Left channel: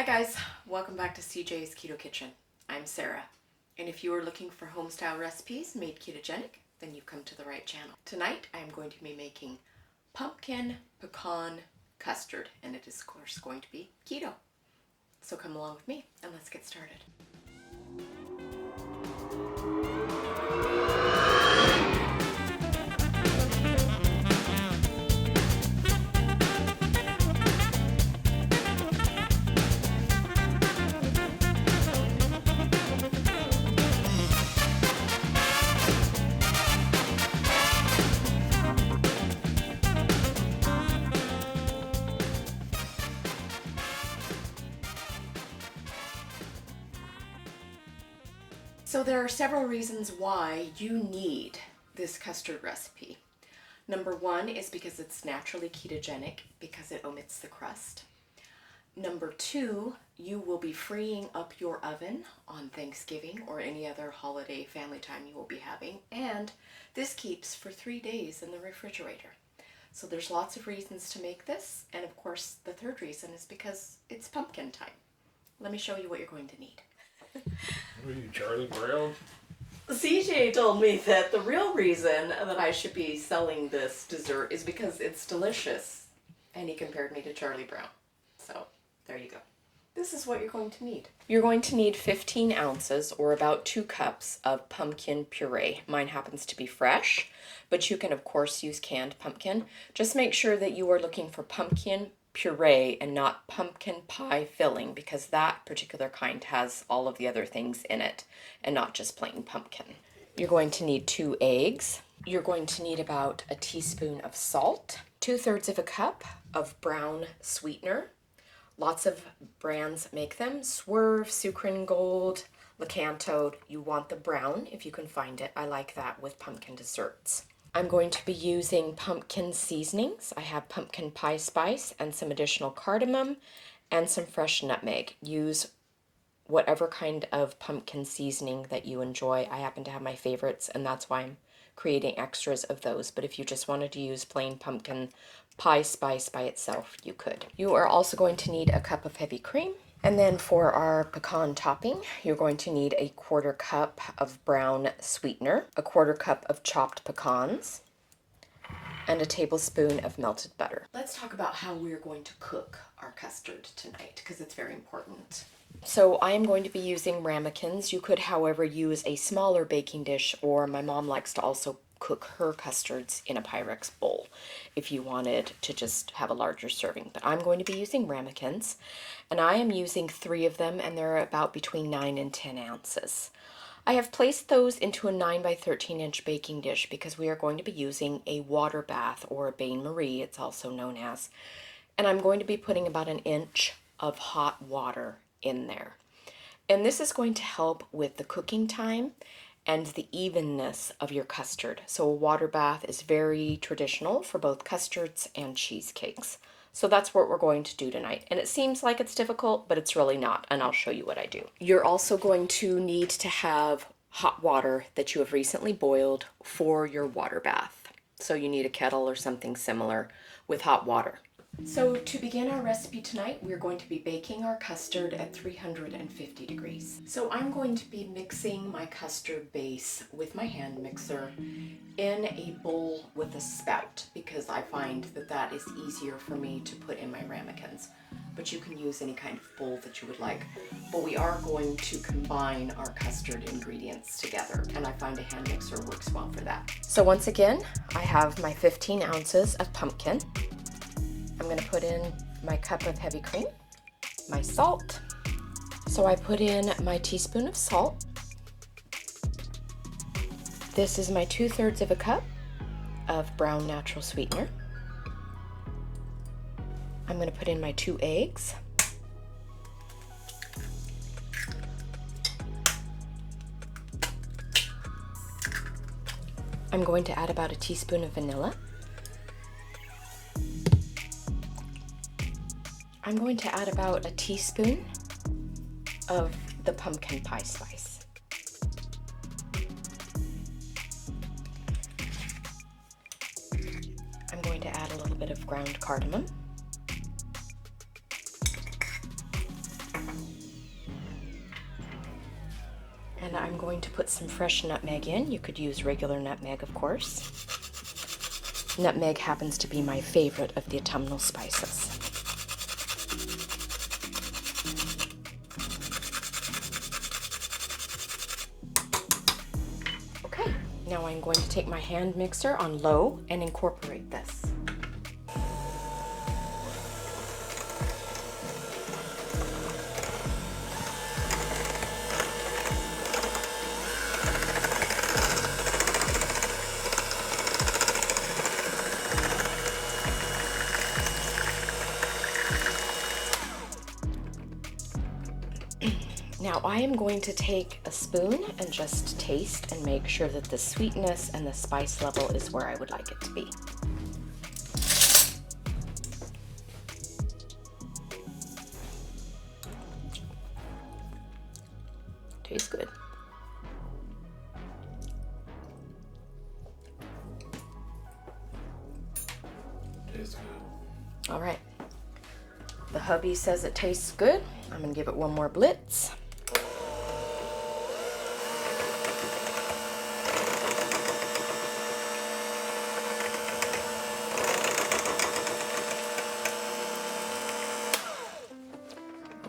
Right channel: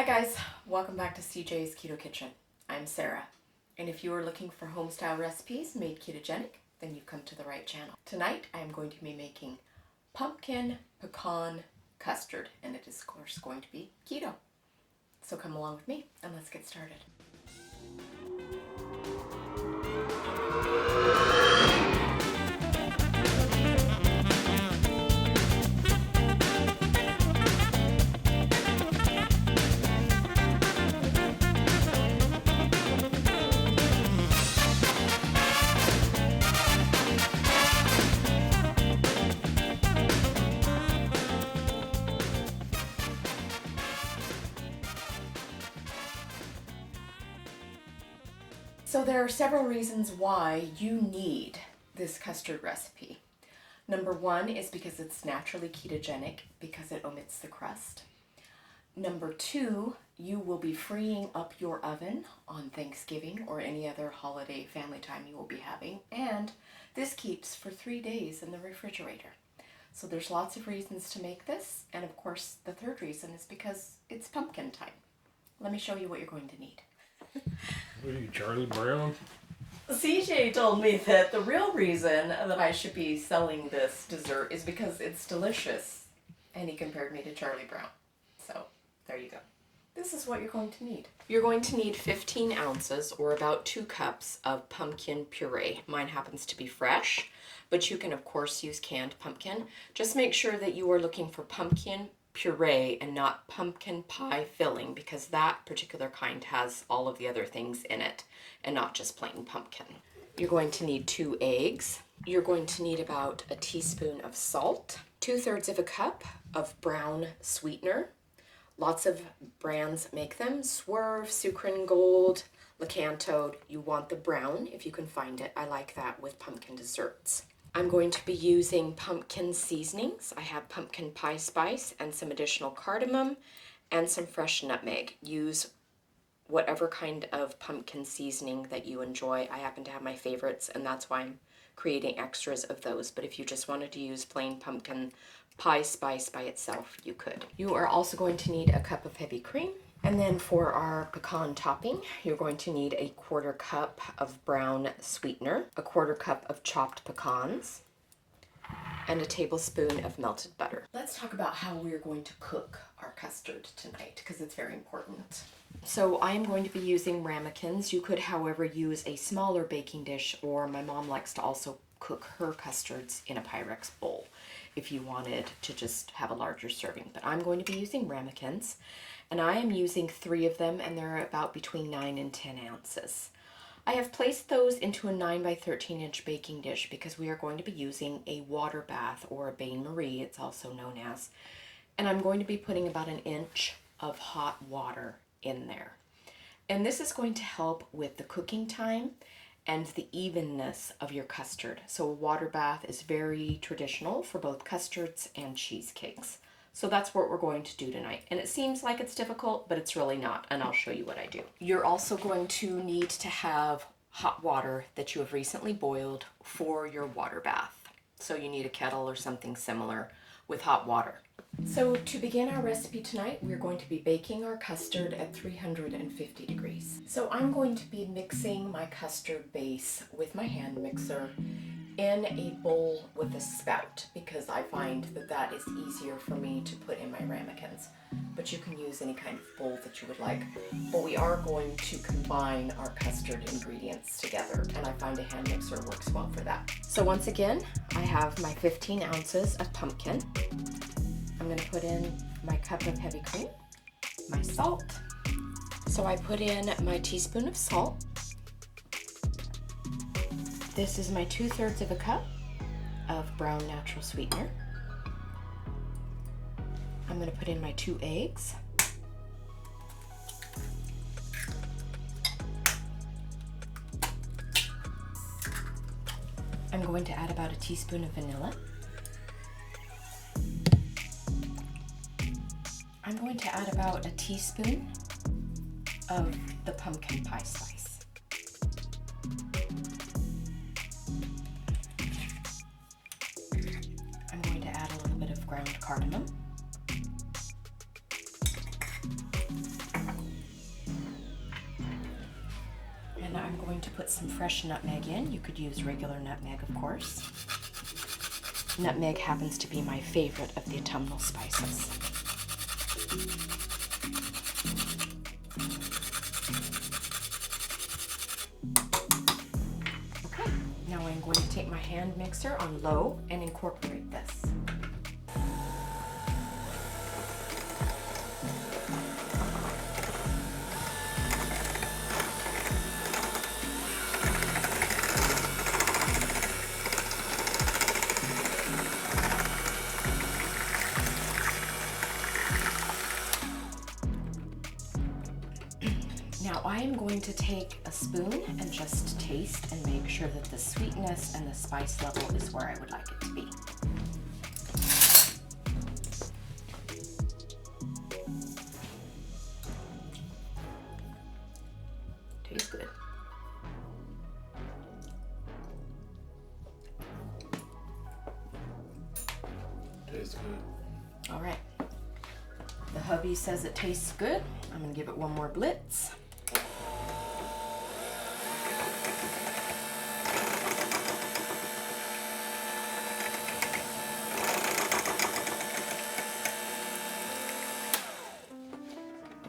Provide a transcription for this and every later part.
Hi guys, welcome back to CJ's Keto Kitchen. I'm Sarah, and if you are looking for home-style recipes made ketogenic, then you've come to the right channel. Tonight I am going to be making pumpkin pecan custard, and it is of course going to be keto. So come along with me and let's get started. So there are several reasons why you need this custard recipe. Number one is because it's naturally ketogenic because it omits the crust. Number two, you will be freeing up your oven on Thanksgiving or any other holiday family time you will be having. And this keeps for 3 days in the refrigerator. So there's lots of reasons to make this. And of course, the third reason is because it's pumpkin time. Let me show you what you're going to need. What are you, Charlie Brown? CJ told me that the real reason that I should be selling this dessert is because it's delicious. And he compared me to Charlie Brown. So, there you go. This is what you're going to need. You're going to need 15 ounces or about 2 cups of pumpkin puree. Mine happens to be fresh, but you can of course use canned pumpkin. Just make sure that you are looking for pumpkin puree and not pumpkin pie filling, because that particular kind has all of the other things in it and not just plain pumpkin. You're going to need 2 eggs. You're going to need about a teaspoon of salt, 2/3 of a cup of brown sweetener. Lots of brands make them. Swerve, Sucrin Gold, Lakanto. You want the brown if you can find it. I like that with pumpkin desserts. I'm going to be using pumpkin seasonings. I have pumpkin pie spice and some additional cardamom and some fresh nutmeg. Use whatever kind of pumpkin seasoning that you enjoy. I happen to have my favorites, and that's why I'm creating extras of those. But if you just wanted to use plain pumpkin pie spice by itself, you could. You are also going to need a cup of heavy cream. And then for our pecan topping, you're going to need a 1/4 cup of brown sweetener, a 1/4 cup of chopped pecans, and a tablespoon of melted butter. Let's talk about how we're going to cook our custard tonight, because it's very important. So I am going to be using ramekins. You could, however, use a smaller baking dish, or my mom likes to also cook her custards in a Pyrex bowl if you wanted to just have a larger serving. But I'm going to be using ramekins, and I am using 3 of them, and they're about between 9 and 10 ounces. I have placed those into a 9 by 13 inch baking dish because we are going to be using a water bath, or a bain-marie, it's also known as. And I'm going to be putting about 1 inch of hot water in there. And this is going to help with the cooking time and the evenness of your custard. So a water bath is very traditional for both custards and cheesecakes. So that's what we're going to do tonight. And it seems like it's difficult, but it's really not. And I'll show you what I do. You're also going to need to have hot water that you have recently boiled for your water bath. So you need a kettle or something similar with hot water. So to begin our recipe tonight, we're going to be baking our custard at 350 degrees. So I'm going to be mixing my custard base with my hand mixer in a bowl with a spout, because I find that that is easier for me to put in my ramekins. But you can use any kind of bowl that you would like. But we are going to combine our custard ingredients together, and I find a hand mixer works well for that. So once again, I have my 15 ounces of pumpkin. I'm going to put in my cup of heavy cream, my salt. So I put in my teaspoon of salt. This is my 2/3 of a cup of brown natural sweetener. I'm going to put in my 2 eggs. I'm going to add about a teaspoon of vanilla. I'm going to add about a teaspoon of the pumpkin pie spice. I'm going to add a little bit of ground cardamom. And I'm going to put some fresh nutmeg in. You could use regular nutmeg, of course. Nutmeg happens to be my favorite of the autumnal spices. Okay, now I'm going to take my hand mixer on low and incorporate this. Now I am going to take a spoon and just taste and make sure that the sweetness and the spice level is where I would like it to be. Tastes good. Tastes good. All right. The hubby says it tastes good. I'm gonna give it one more blitz.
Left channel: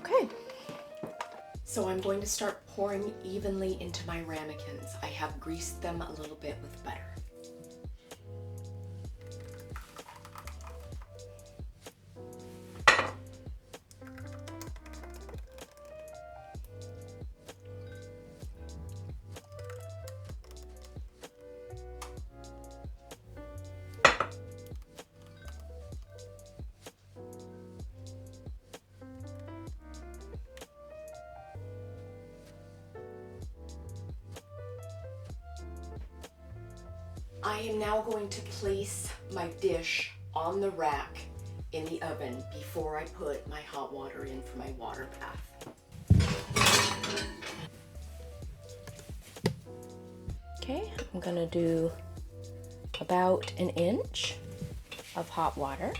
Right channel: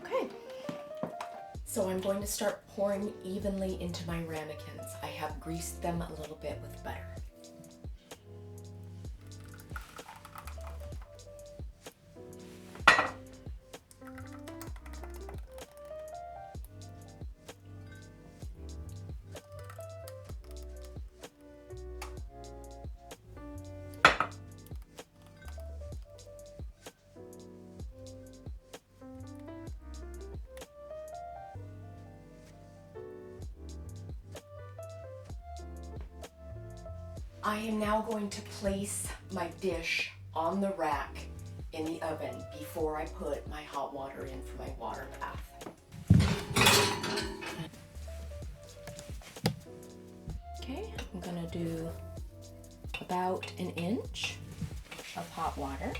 Okay. So I'm going to start pouring evenly into my ramekins. I have greased them a little bit with butter. I am now going to place my dish on the rack in the oven before I put my hot water in for my water bath. Okay, I'm gonna do about an inch of hot water.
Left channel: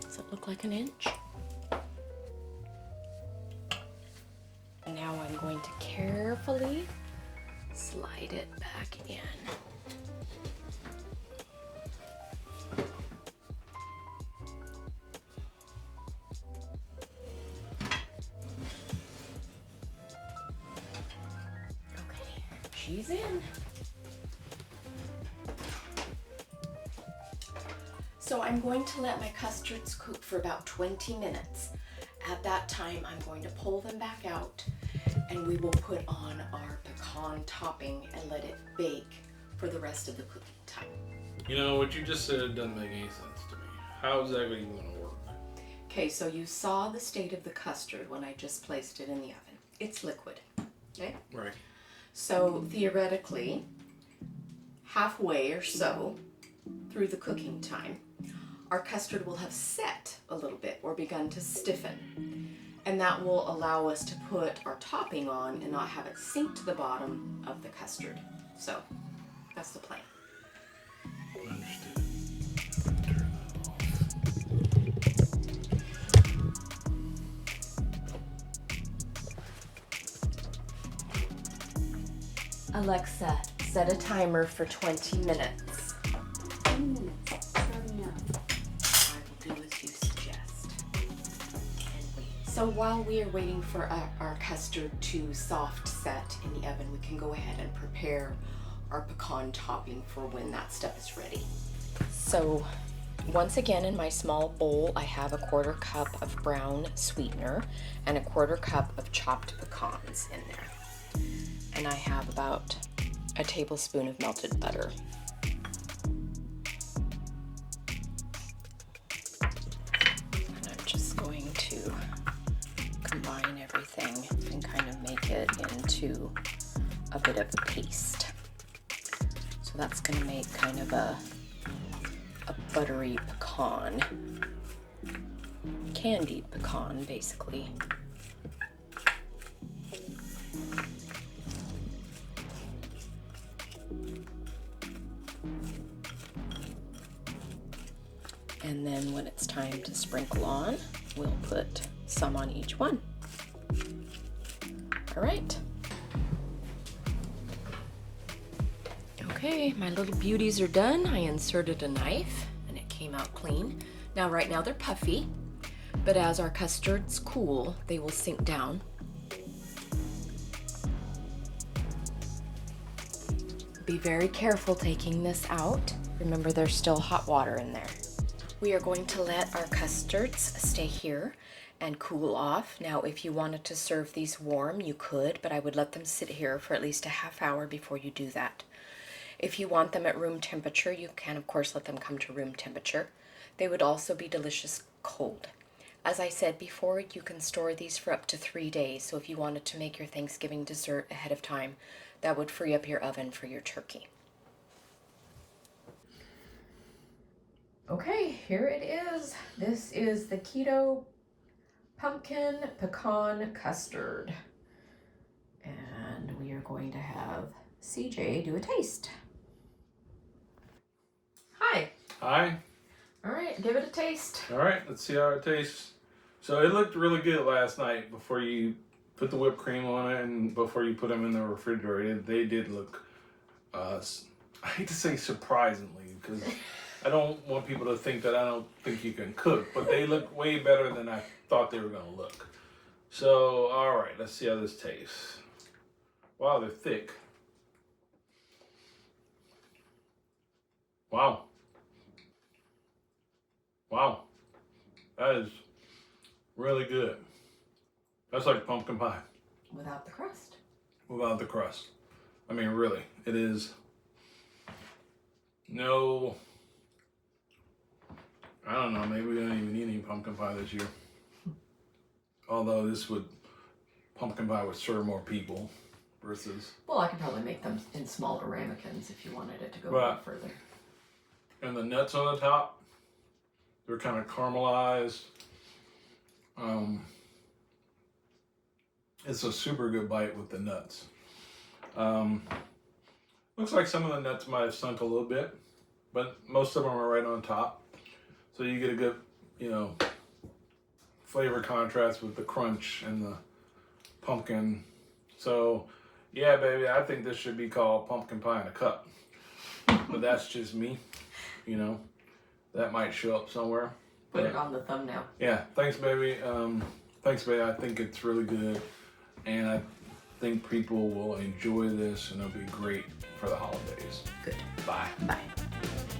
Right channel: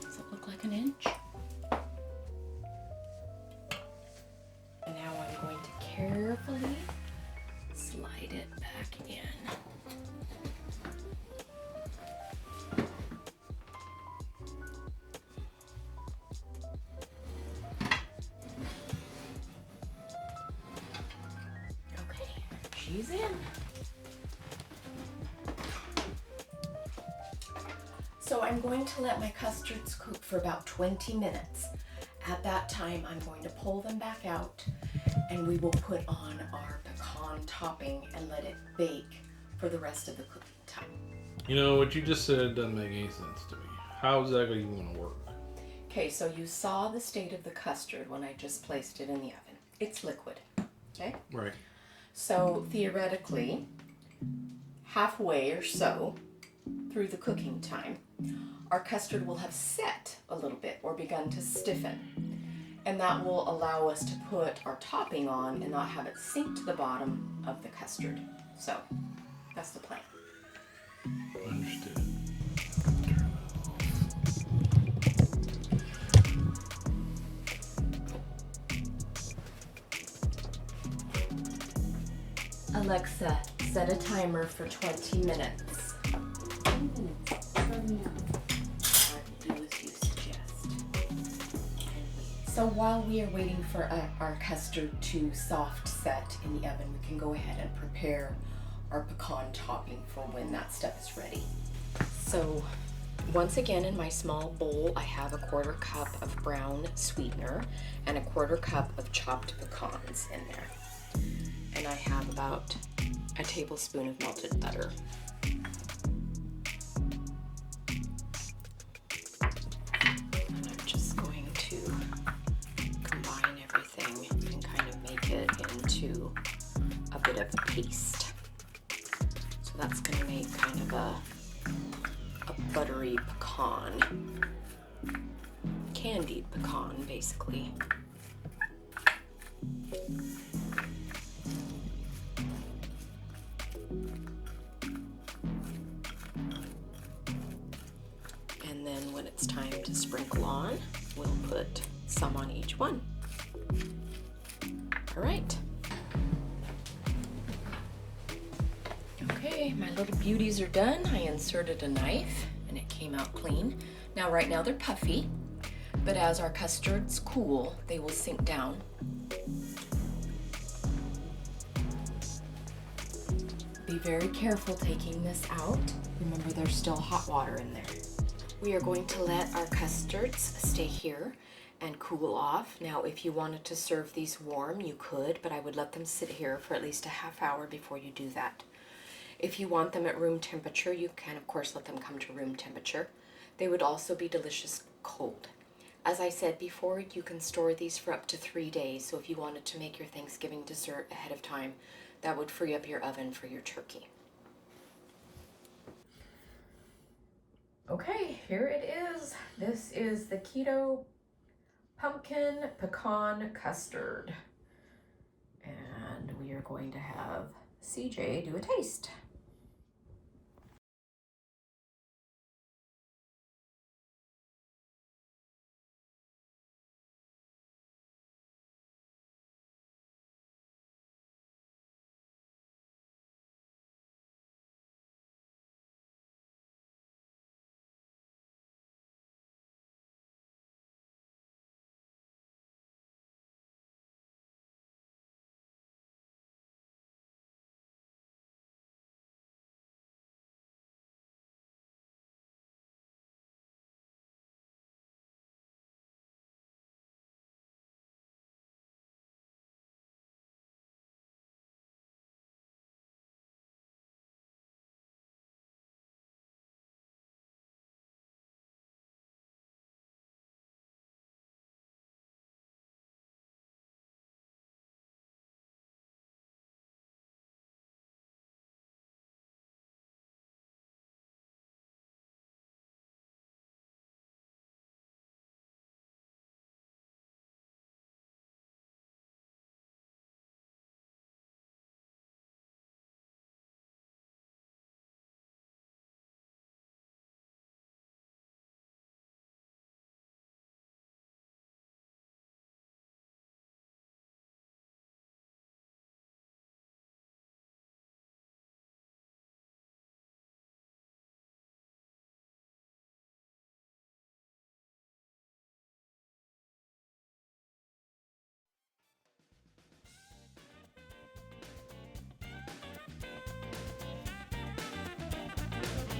Does it look like an inch? And now I'm going to carefully slide it back in. Okay, she's in. So I'm going to let my custards cook for about 20 minutes. At that time, I'm going to pull them back out and we will put on our pecan topping and let it bake for the rest of the cooking time. You know, what you just said doesn't make any sense to me. How is that even going to work? Okay, so you saw the state of the custard when I just placed it in the oven. It's liquid, okay? Right. So theoretically, halfway or so through the cooking time, our custard will have set a little bit or begun to stiffen. And that will allow us to put our topping on and not have it sink to the bottom of the custard. So that's the plan. Alexa, set a timer for 20 minutes. So while we are waiting for our custard to soft set in the oven, we can go ahead and prepare our pecan topping for when that stuff is ready. So once again, in my small bowl, I have a 1/4 cup of brown sweetener and a 1/4 cup of chopped pecans in there. And I have about a tablespoon of melted butter. Paste. So that's going to make kind of a buttery pecan, candied pecan basically. little beauties are done. I inserted a knife and it came out clean. Now right now they're puffy, but as our custards cool, they will sink down. Be very careful taking this out. Remember, there's still hot water in there. We are going to let our custards stay here and cool off. Now, if you wanted to serve these warm, you could, but I would let them sit here for at least a half hour before you do that. If you want them at room temperature, you can, of course, let them come to room temperature. They would also be delicious cold. As I said before, you can store these for up to 3 days, so if you wanted to make your Thanksgiving dessert ahead of time, that would free up your oven for your turkey. Okay, here it is. This is the Keto Pumpkin Pecan Custard. And we are going to have CJ do a taste. Hi. Hi. All right, give it a taste. All right, let's see how it tastes. So it looked really good last night before you put the whipped cream on it and before you put them in the refrigerator. They did look, I hate to say surprisingly, because I don't want people to think that I don't think you can cook, but they look way better than I thought they were going to look. So, all right, let's see how this tastes. Wow, they're thick. Wow. Wow. That is really good. That's like pumpkin pie. Without the crust. Without the crust. I mean, really, it is no, I don't know, maybe we don't even need any pumpkin pie this year. Although pumpkin pie would serve more people versus. Well, I could probably make them in smaller ramekins if you wanted it to go Right. further. And the nuts on the top, they're kind of caramelized. It's a super good bite with the nuts. Looks like some of the nuts might have sunk a little bit, but most of them are right on top. So you get a good, flavor contrast with the crunch and the pumpkin. So, yeah, baby, I think this should be called pumpkin pie in a cup. But that's just me, That might show up somewhere. Put it on the thumbnail. Yeah, thanks, baby. I think it's really good. And I think people will enjoy this and it'll be great for the holidays. Good. Bye. Bye.